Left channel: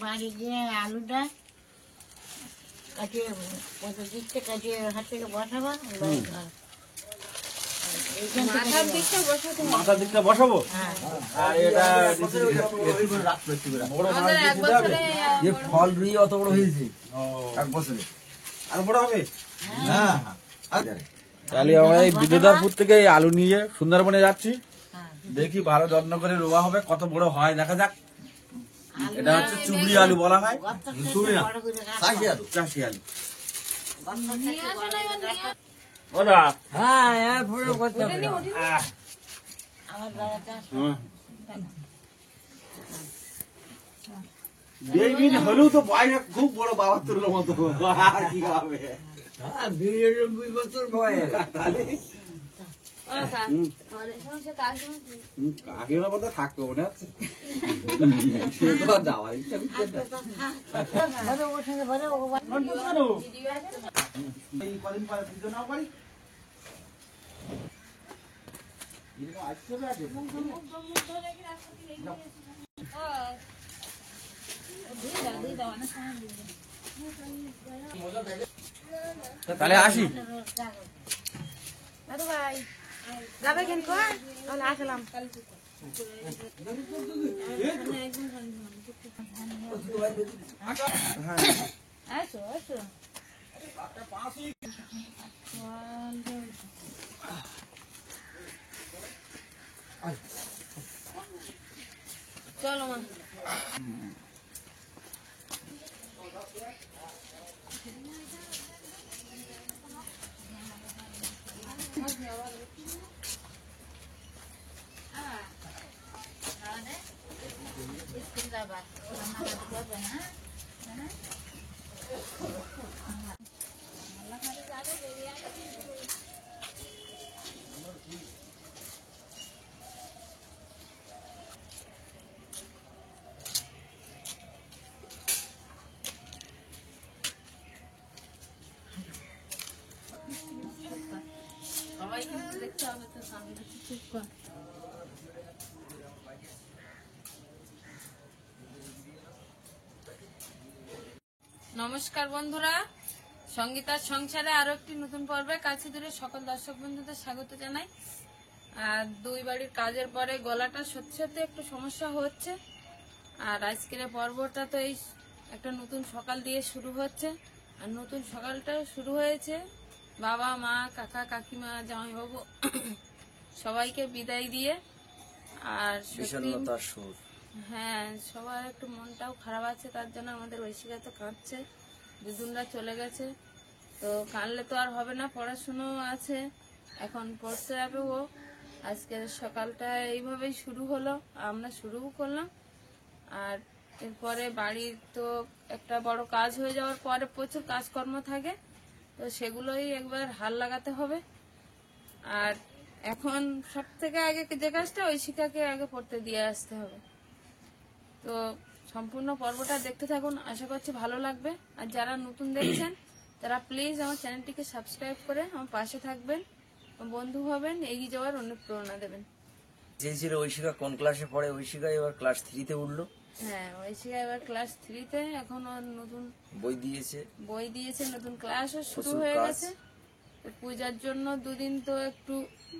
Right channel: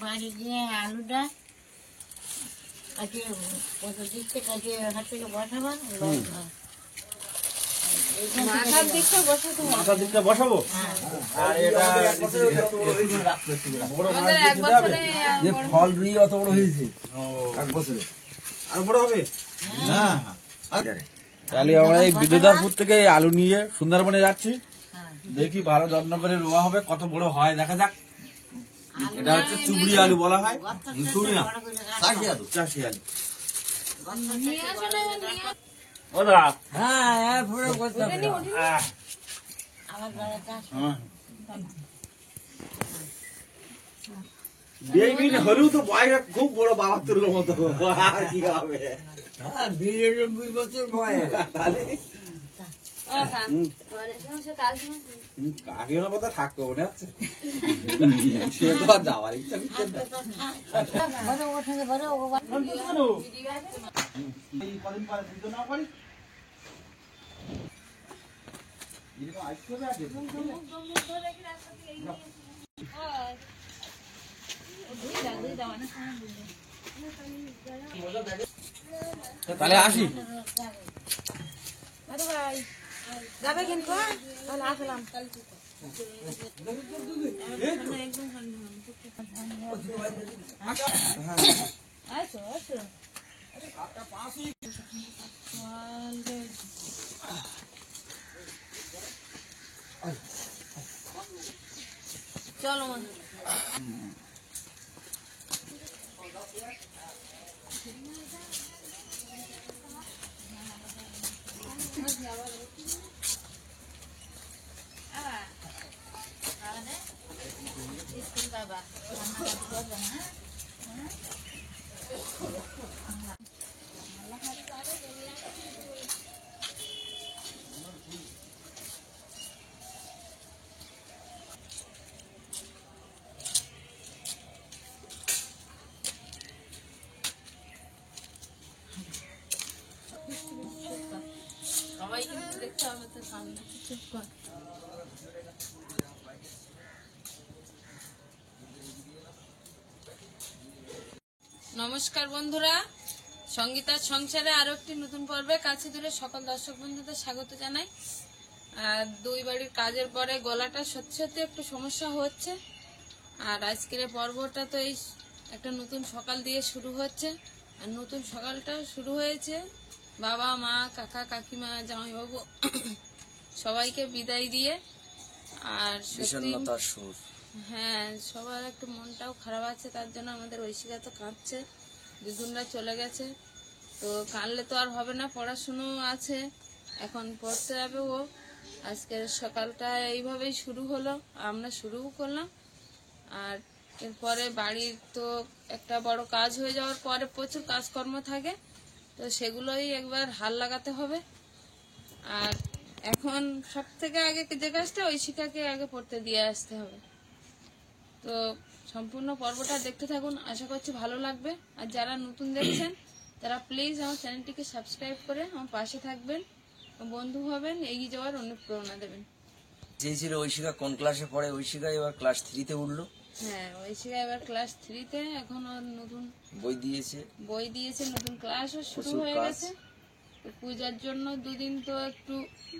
বাড়ি গিয়ে আলুটা কাটিয়ে কত দিচ্ছে কাটিয়ে হাত থেকে বসাবো মাথার দিকটা বসাবো আর এটা ফল রুই অত বড় হয়েছে এক বছরে আর বড় হবে না। তাহলে আমরা এই বিদ্যুদারপুর থেকে আলু নিয়ে সুন্দরবনে যাচ্ছি, দেখি ভালো যত্ন করে রোয়া হবে, কত বড় হয় দেখা যাক। এটা হচ্ছে চুবড়ি আলু বলা হয়, চুবড়ি না চাষি আলু, চাষি আলু। হলেও তো বয়স খুব বড়, বাবা তোর মতো আর কি হবে, 92 বছর বয়স। কাকির মতো থাকতো মনে হচ্ছে, সে তো আর যাওয়ার ইচ্ছা করছে না। কদিন পরে পুজো নাও পারি তাহলে আসি। যাবে কিন্তু তাহলে আসলাম। চলো মা সবাই কিন্তু দেখতে হবে তো সামনে চুপ কর। নমস্কার বন্ধুরা, সঙ্গীতার সংসারে আরো একটি নতুন পর্বে কাছে দূরে সকল দর্শক বন্ধুদের স্বাগত জানাই। আর দুই বাড়ির কাজের পরে গলাটা সত্যি সত্যি একটু সমস্যা হচ্ছে। আর আজকের পর্বটা তো এই একটা নতুন সকাল দিয়ে শুরু হচ্ছে, আর নতুন সকালটাও শুরু হয়েছে বাবা মা কাকা কাকিমা জামাইবাবু সবাইকে বিদায় দিয়ে। আর হ্যাঁ, সবার একটু মনটাও খারাপ আছে, তার জন্য আমাদের ঐশিকা তো কাঁদছে, দুজনরা চলে গেছে। তো কাঁদলে তো আর হবে না, পড়াশুনো আছে, এখন পড়তে যাবে ও। আজকের সকালটা এইভাবেই শুরু হলো, আমরা শুরুও করলাম। আর এরপরে বাড়ির তো একটা বড় কাজ হয়ে যাওয়ার পরে প্রচুর কাজকর্ম থাকে, তো সেগুলোই একবার হাল লাগাতে হবে। আর এখন সব থেকে আগে যে কাজটা ঐশিকাকে আগে পড়তে দিয়ে আসতে হবে। তো সম্পূর্ণ পর্বটা দেখতে থাকুন, আশা করছি ভালো লাগবে। আর যারা নতুন দেখছেন তারা প্লিজ আমার চ্যানেলটিকে সাবস্ক্রাইব করে আমার পাশে থাকবেন, বন্ধু হবেন, এগিয়ে যাওয়ার অনুপ্রেরণা দেবেন। চেয়েছিল ঐশিকা কোন ক্লাসে পড়ে, ঐশিকা এবার ক্লাস 3-তে উঠলো। হ্যাঁ, ঐশিকা এবার ক্লাস 3-তে, এখন ওর নতুন বই দিয়েছে, নতুন ক্লাসও শুরু হয়ে গেছে। পূজার জন্য দুদিন তো একটু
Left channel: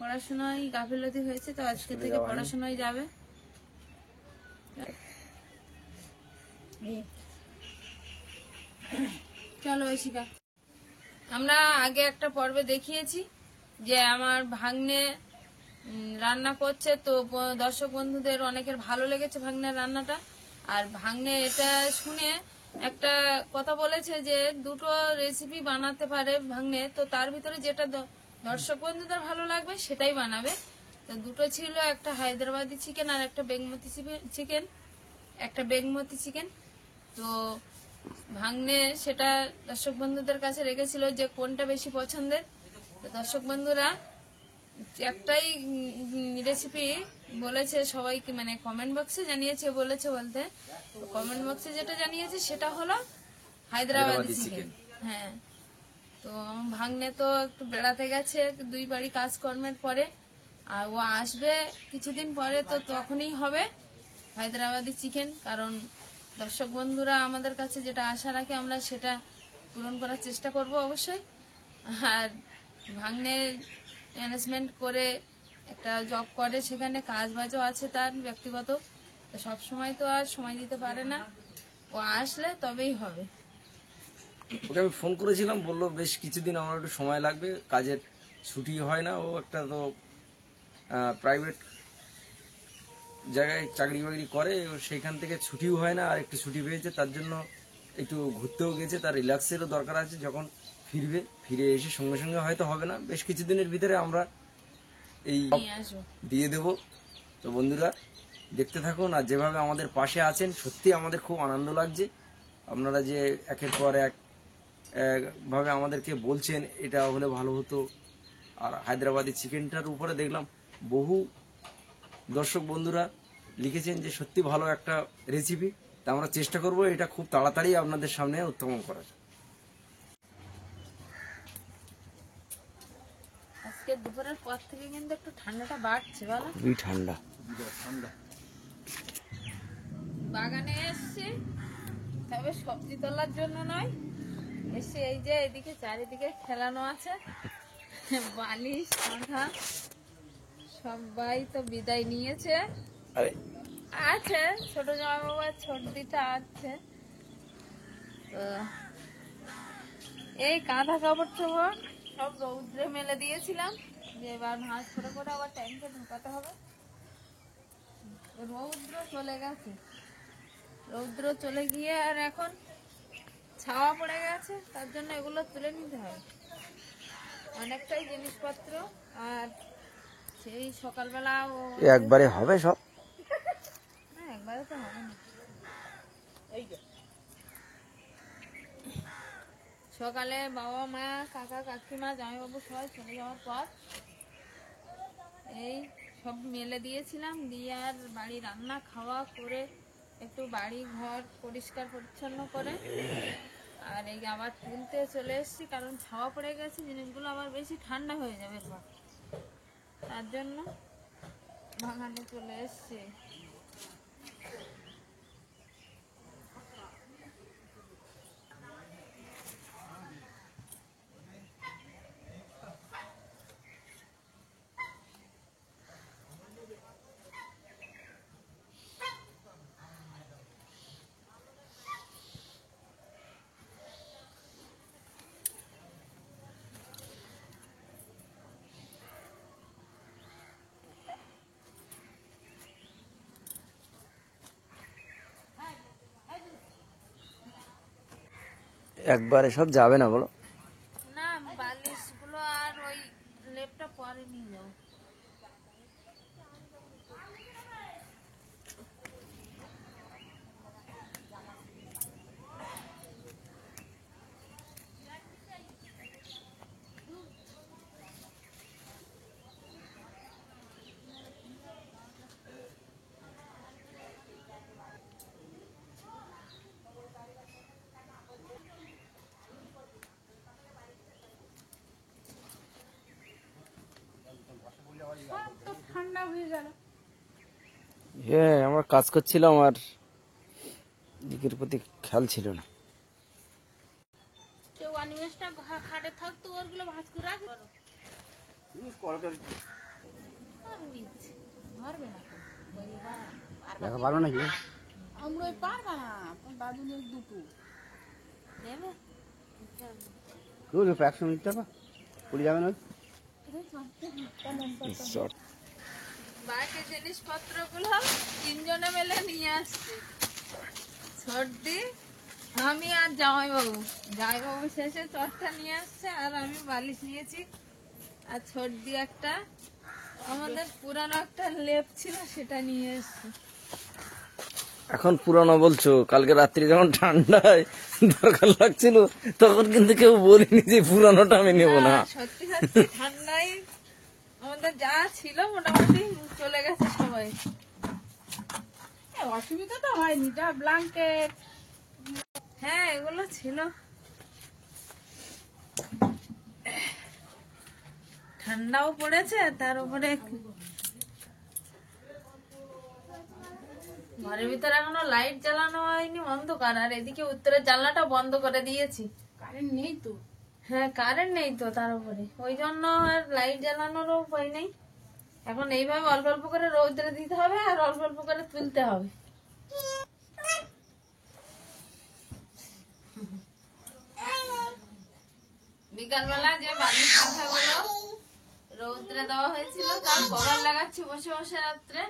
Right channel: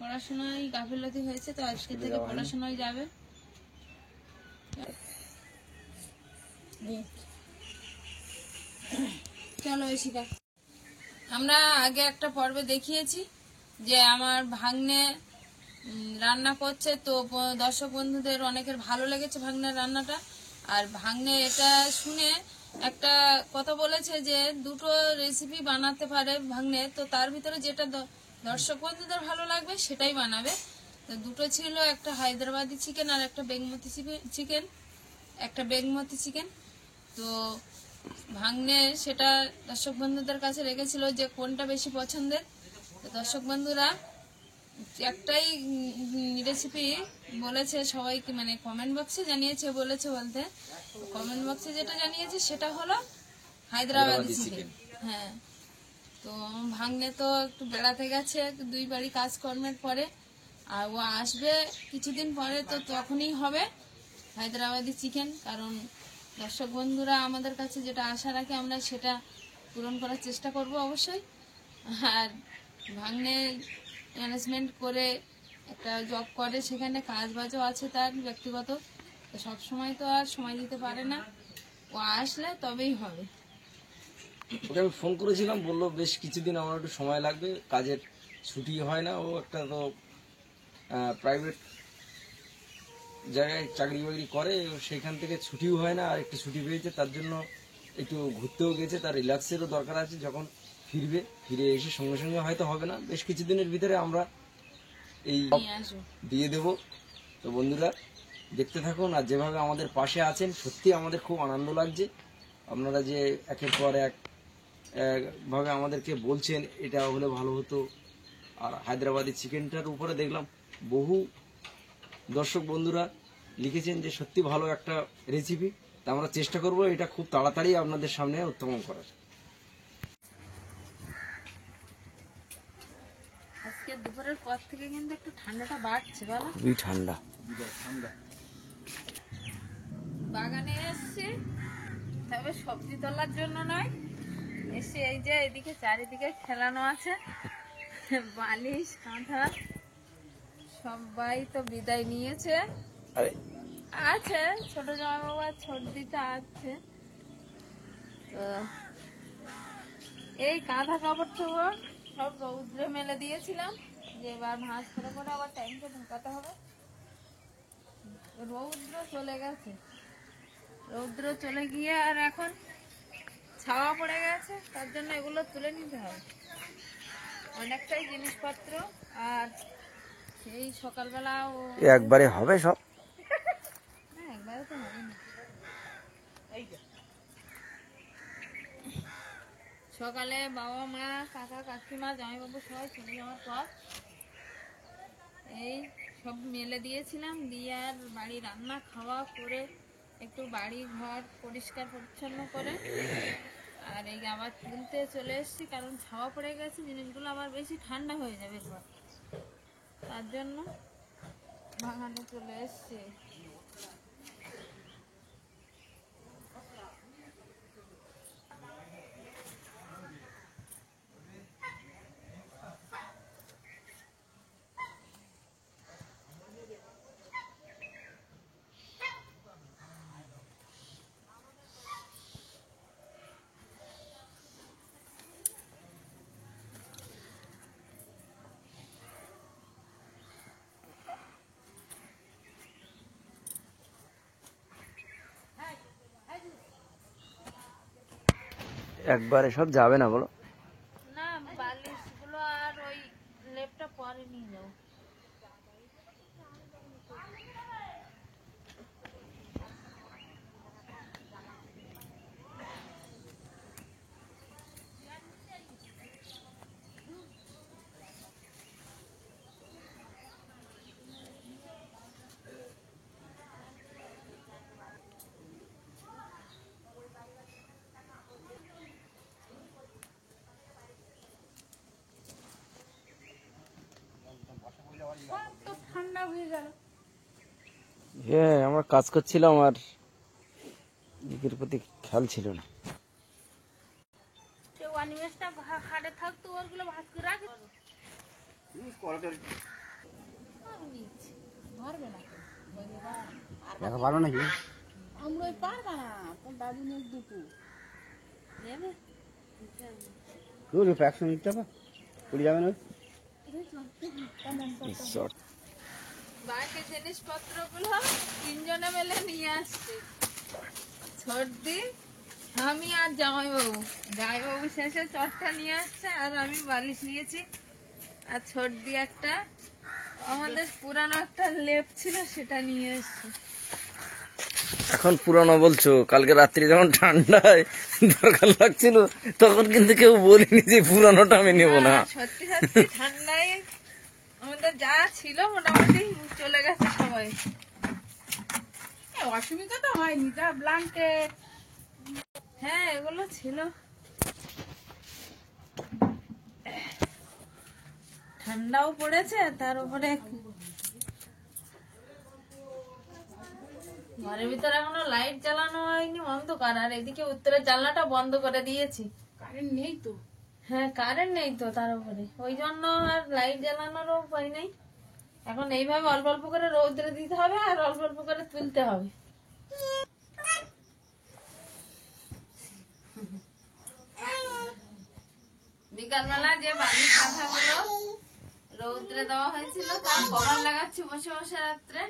পড়াশোনায় গাফিলতি হয়েছে, তো আজকে থেকে পড়াশোনায় যাবে। চলো ঐশিকা, আমরা আগে একটা পর্বে দেখিয়েছি যে আমার ভাগ্নে রান্না করছে, তো দর্শক বন্ধুদের অনেকের ভালো লেগেছে ভাগ্নের রান্নাটা। আর ভাগ্নে এটা শুনে একটা কথা বলেছে যে দুটো রেসিপি বানাতে পারে ভাগ্নে, তো তার ভিতরে যেটা দর্শক বন্ধুদের ভালো লাগবে সেটাই বানাবে। তো দুটো ছিল, একটা হায়দ্রাবাদি চিকেন আর একটা বেগমতি চিকেন। তো ভাগ্নে সেটা দর্শক বন্ধুদের কাছে রেখেছিল যে কোনটা বেশি পছন্দের। তো দর্শক বন্ধুরা একটাই রেসিপি বলেছে সবাইকে, মানে কমেন্ট বক্সে জানিয়েছে, বলেছে বলতে কমেন্ট বক্সে যেটা জানিয়েছে সেটা হলো হায়দ্রাবাদি চিকেন। হ্যাঁ, তো ভাগ্নে তো একটু বেড়াতে গেছে দুই বাড়ি কাজকর্মের পরে, আর ও আসবে কিছুদিন পরে, তো তখনই হবে হায়দ্রাবাদি চিকেন। কারণ দর্শক বন্ধুরা আমাদের কাছে যেটা আশা রাখে আমরা সেটা পূরণ করার চেষ্টা করব অবশ্যই। আর ভাগ্নের ম্যানেজমেন্ট করে একটা জব করে, সেখানে কাজ বাজও আছে তার ব্যক্তিগত, তো সব সময় তো আর সময় দিতে পারে না, ও আসলে তবেই হবে। ওকে আমি ফোন করেছিলাম, বললো বেশ কিছুদিন আমার একটু সময় লাগবে, কাজের ছুটি হয় না, ও একটা তো প্রাইভেট জায়গায় চাকরি বাকরি করে, সেইখান থেকে ছুটিও হয় না, আর একটু ছুটি পেয়েছে তার জন্য একটু ঘুরতেও গেছে, তার রিল্যাক্সেরও দরকার আছে। যখন ফিরে এসে সঙ্গে সঙ্গে হয়তো হবে না, বেশ কিছুদিনের ভিতরে আমরা এই দিয়ে দেব। তো বন্ধুরা দেখতে থাকুন, আর যেভাবে আমাদের পাশে আছেন সত্যি আমাদের খুব আনন্দ লাগছে। আপনারা যে একের পর এক ভাবে আমাদেরকে বলছেন এটা হলে ভালো হতো। আর হায়দ্রাবাদি চিকেনটার উপরে দেখলাম বহু দর্শক বন্ধুরা লিখেছেন যে সত্যি ভালো একটা রেসিপি, তা আমরা চেষ্টা করব এটা খুব তাড়াতাড়ি আপনাদের সামনে উত্থাপন করার। আজকে দুপুরের পর থেকে কিন্তু একটু ঠান্ডাটা বাড়ছে, বলো? খুবই ঠান্ডা। বাগানে এসছি, তবে সবজি তোলার জন্য নয়, এসে এই যে এদিকে চারিদিকে খেলানো আছে, বালিশ মাথা সবাই তো বিদায় নিয়েছে। আছে ছোট জামা বাবা, ছোটদিটা আছে। এই কাঁথা কাপড় টাপড় সব রৌদ্রে মেলে দিয়েছিলাম, যে এবার ভাঁজ করে করে আবার টাইমটা ঢোকাতে হবে। রৌদ্র চলে গেছে, রৌদ্র চলে গিয়ে আর এখন ছাওয়া পড়ে গেছে, তার জন্য এগুলো তুলে নিতে হবে অনেকটাই জিনিসপত্র। আর সেই সকালবেলা একবারে হবে সব? না, একবারে তো হবে না। এই সকালে বাবা মা কাকা কাকিমা জামাইবাবু সবাই চলে যাওয়ার পর এই সব মেলে দিয়েছিলাম, দিয়ে আর বাড়ি রান্না খাওয়া করে একটু বাড়ি ঘর পরিষ্কার পরিচ্ছন্ন করে আর এই আবার তুলতে চলে এসেছি, কারণ ছাওয়া পড়ে গেছে, জিনিসগুলো আবার বেশি ঠান্ডা হয়ে যাবে এরপর, তার জন্য বাগানে চলে এসছি। একবারে সব যাবে না বলো? না, বালিশ গুলো আর ওই লেপটা পরে নিয়ে যাবো। ঠান্ডা হয়ে গেল। হ্যাঁ, আমরা কাজ করছিলাম আর দিকের প্রতি খেয়াল ছিল না। কেউ অনিমেষটা খাটে থাকতো, ওরগুলো ভাজ করে রাখি। পারবে না, পারে নাকি? আমরা পারবা না, তোর দাদু নেই দুটো দেবে। একশো মিনিট টাকা পড়ে যাবে না? বাকি জিনিসপত্র গুলো তিনজনে মিলে নিয়ে আসছে, সর্দি আমি আর জামাইবাবু। জামাইবাবু শেষে চটটা নিয়ে আসছে আর আমি বালিশ নিয়েছি, আর সর্দি একটা আমাদের পুরানো একটা লেপ ছিল সেটা নিয়ে এসছে। এখন পুরানো বলছো, কালকে রাত্রি যখন ঠান্ডায় দরকার লাগছিল তখন কিন্তু কেউ বলিনি যে পুরানোটা আমি নেব না। সত্যি সত্যি ঠান্ডায় আমাদের যা ছিল মোটামুটি চলে গেছে সবাই। অসুবিধা তো হয়নি, যা ব্ল্যাঙ্কেট হ্যাঁ এগুলো ছিল। ঠান্ডাও পড়েছে, তার উপরে ঘরের ভিতরে এখনো লাইট জ্বালানো হয়নি, অন্ধকার। আর এদিকে উত্তরের জানলাটা বন্ধ করে দিয়েছি। কারেন্ট নেই তো। হ্যাঁ, কারেন্ট নেই তো, তার উপরে ওই জন্য আর লাইট জ্বালানোরও উপায় নেই। এখন এইভাবে অল্প অল্প করে রৌদ্রে দিতে হবে আর অল্প অল্প করে তুলতে হবে। বিকালবেলা যে বাড়ির কাঁথাগুলো রৌদ্রে দেওয়া হয়েছিল তার কভার লাগাচ্ছি বসে বসে রাত্রে,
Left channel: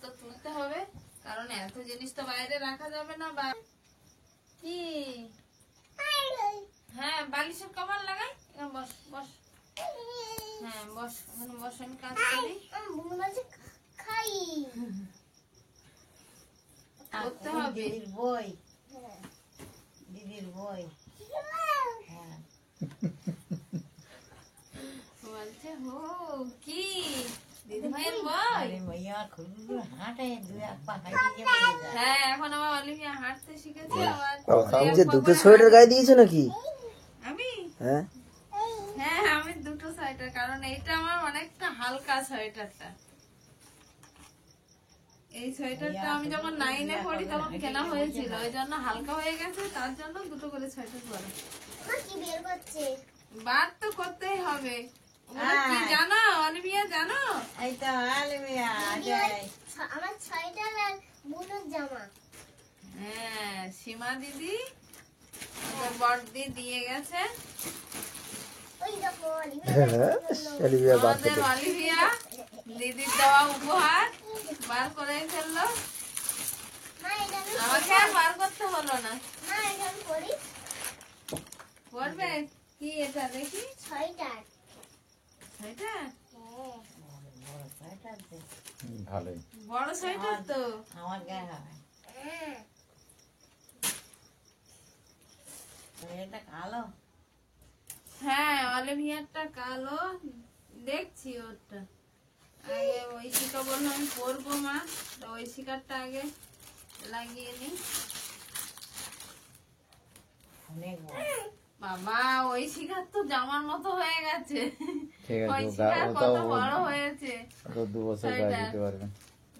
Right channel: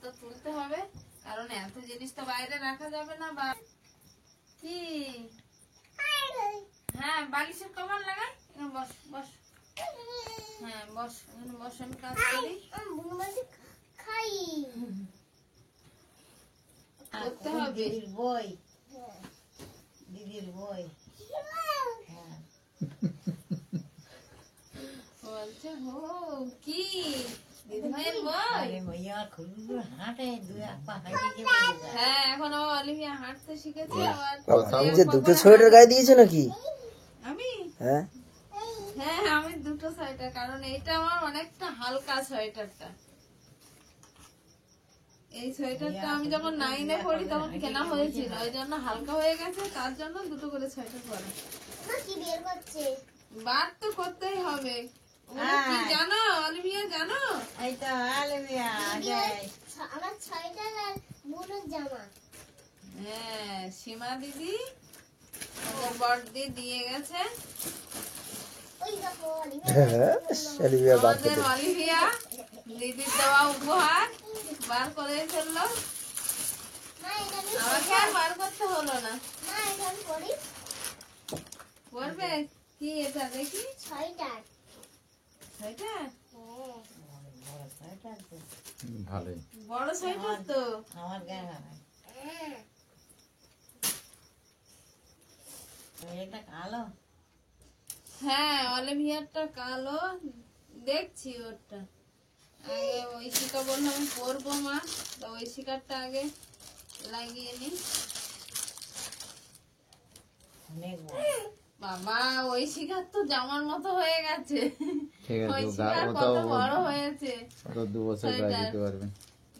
তো তুলতে হবে, কারণ এত জিনিস তো বাইরে রাখা যাবে না। বা কি, হ্যাঁ বালিশের কভার লাগাই। বস বস, হ্যাঁ বস, বস, আমি কাজ করি। করতে হবে। দিদির বই, দিদির বই। হ্যাঁ, বলছে হো কি দিদিমায়ের বই। আরে মাইয়া খুব হাঁটে, দুই এক পা হাঁটে গিয়ে বলে যায়। হ্যাঁ, এখন আমার অলিভিয়া হাঁটতে শিখেছে। আবার তুমি যে দুটো সোয়েটার গায়ে দিয়েছো নাকি? আমি, হ্যাঁ হ্যাঁ আমি দুটো সোয়েটার, কারণ এইটা আমার অনেকটা হালকা সোয়েটারটা। এই সোয়েটারটা আমি যখন 9-এ পড়ি তখন কেনা হয়েছিল, ওই জন্য হালকা হয়ে গেছে, তার জন্য দুটো করে সোয়েটার পরে। বার তো করতেই হবে। ওগুলো কি জানো অলিভিয়া, জানো? এই তো আলমিয়া, আমার 6টা আর বুনুর জামা। হ্যাঁ, সীমা দিদি বড়দি দিয়ে গেছে। ওই দেখো আমাদের অলিভিয়া দিদির দেওয়া উপহার বার করে ফেললো। মা এটা আমি আমাকে আর বার করতে হলো না। মা এটা আমি পরি। পড়বে কি এটা দেখি? 6টা। সেটা বড় সোয়েটার তো, ভালোই। বড় সোয়েটার তো। আমার গায়ে হবে। হ্যাঁ এটা কালো। হ্যাঁ, অলিভিয়ারটা কালো, দেখছি ওরটা। আগে ঐশিকা বললো আমি পরবো মা, তো ঐশিকারটা আগে লাগিয়ে নি। অনেক বড়। বাবা, ঐশিকার তো জামার মতো হয়ে গেছে। ঠিক আছে, ঐশিকার ওটা কত বড় হয়েছে। 2 বছর গায়ে দিতে পারবে।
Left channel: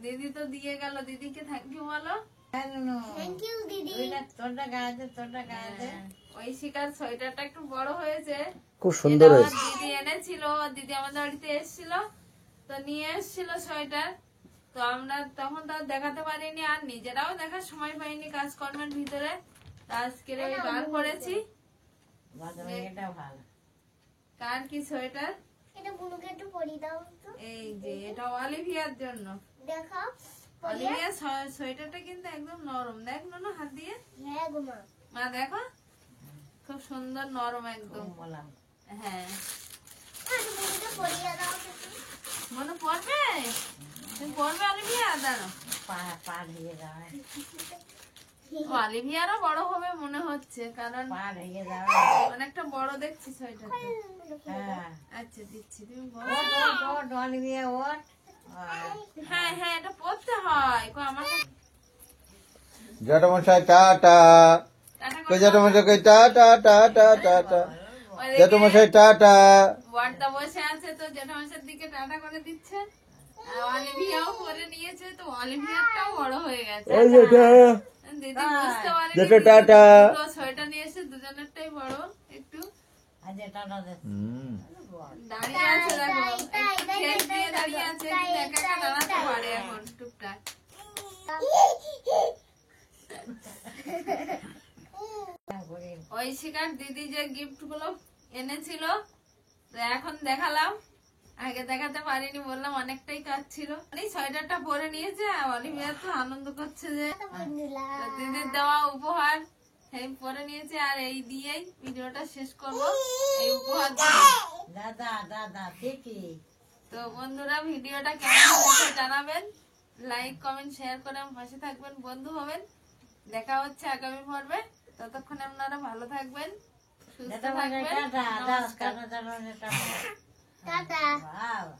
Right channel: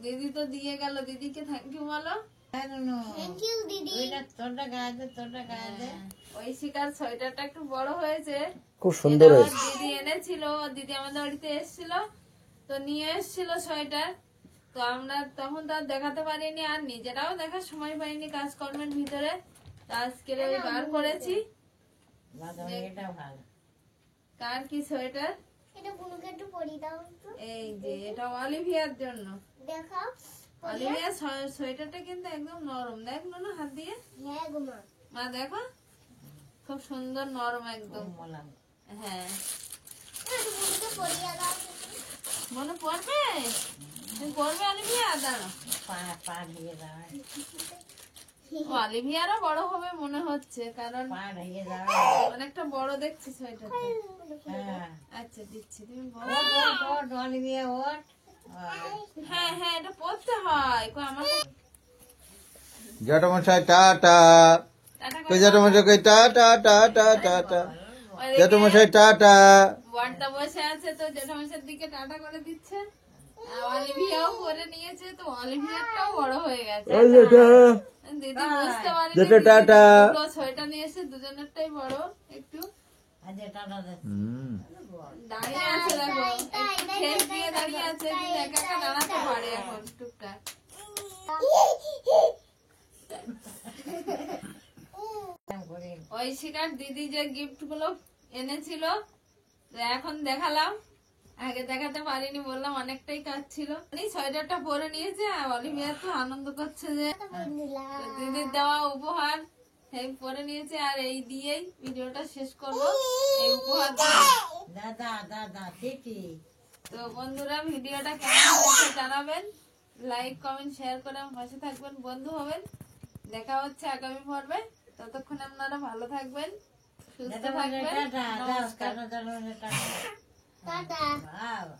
দিদি তো দিয়ে গেল, দিদিকে থ্যাংক ইউ বলো। হ্যাঁ, নুনু, থ্যাংক ইউ দিদি। ওইটা তোরটা গায়ে দে, তোরটা গায়ে দে। ঐশিকার সোয়েটারটা একটু বড় হয়েছে। খুব সুন্দর এটা হয়েছে। আমার দিদি এনেছিল, দিদি আমাদের বাড়িতে এসেছিল, তো নিয়ে এসেছিল সোয়েটার। তো আমরা তখন তো আর দেখাতে পারিনি, আর নিজেরাও দেখার সময় পাইনি কাজকর্মের ভিতরে। তো আজকে ওই বার করেছি। বাদামি, এটা ভালো। কার কি সোয়েটার? এটা বুনুকে একটু পরিয়ে দাও তো। এই যে এটা অলিভিয়ার জন্য। দেখাও। অলিভিয়ার সোয়েটারটা কিন্তু একদম নরম, দেখ না হাত দিয়ে। হ্যাঁ গো মা। মা দেখো, খুব সুন্দর নরম একদম। বললাম হ্যাঁ, একটু বুনুকে পরিয়ে দাও তো। মনে পড়বে? তুমি পড়বে অলিভিয়া? দাঁড়ো, পা ঢেকে যাবে, অলিভিয়ারও বড় হবে মনে হচ্ছে, কারণ পা ঢেকে যাবে। অনেকটা বড় দেখছি সোয়েটারটা। হ্যাঁ, আচ্ছা দিচ্ছি, তুমি বলো। ওট ওট ওট, অলিভিয়া ওট। হ্যাঁ হ্যাঁ, এটা পড়তে হয়। কই আমার জ্যাঠামশাই টাটা। টাটা কই করো। জ্যাঠামশাই, কই টাটা টাটা টাটা। ওইদিকে জ্যাঠামশাই টাটা। বড়দা বসে আছে, তো জেঠামশার দিকে টাটা করে দিচ্ছে। আর অলিভিয়াও করে নিয়েছে, তো অলিভিয়ারটাও বড় হয়ে গেছে। দিদি বুঝতে পারেনি, দেখো টাটা। দুটো সোয়েটার নিয়ে এসে দুজনেরটাই বড় একটু। আচ্ছা, টাটা দে। দাঁড়িয়ে আছে দেখো, একটু খেল দিয়ে দাঁড়িয়ে আছে, কিন্তু একা একা দাঁড়াতে পারে এখন টুকটাক। ওই শিকার দিদি যে গিফট গুলো এনেছিল তো এখন দেখালাম, আগে দেখাতে পারিনি, বললাম অনেকটাই কাজ ছিল। এই সোয়েটারটা পরে নিয়েছে, আর অলিভিয়া তো আনন্দ করছে যে দিদির দেওয়া উপহার এই পরে নিয়েছে। আর এই দিয়েই ভিডিওটা শেষ করবো, এই উপহার দিয়ে। দাদা দাদা ঠিকই। তো বন্ধুরা, ভিডিওটা কেমন হয়েছে জানাবেন, লাইক কমেন্ট শেয়ার করে আমার পাশে থাকবেন, বন্ধু হবেন। দেখা হচ্ছে আগামী পর্বে, ততক্ষণ আপনারা ভালো থাকবেন, সুস্থ দাদা থাকবেন। টাটা, দাদা টাটা, টাটা। টাটা। বাবা।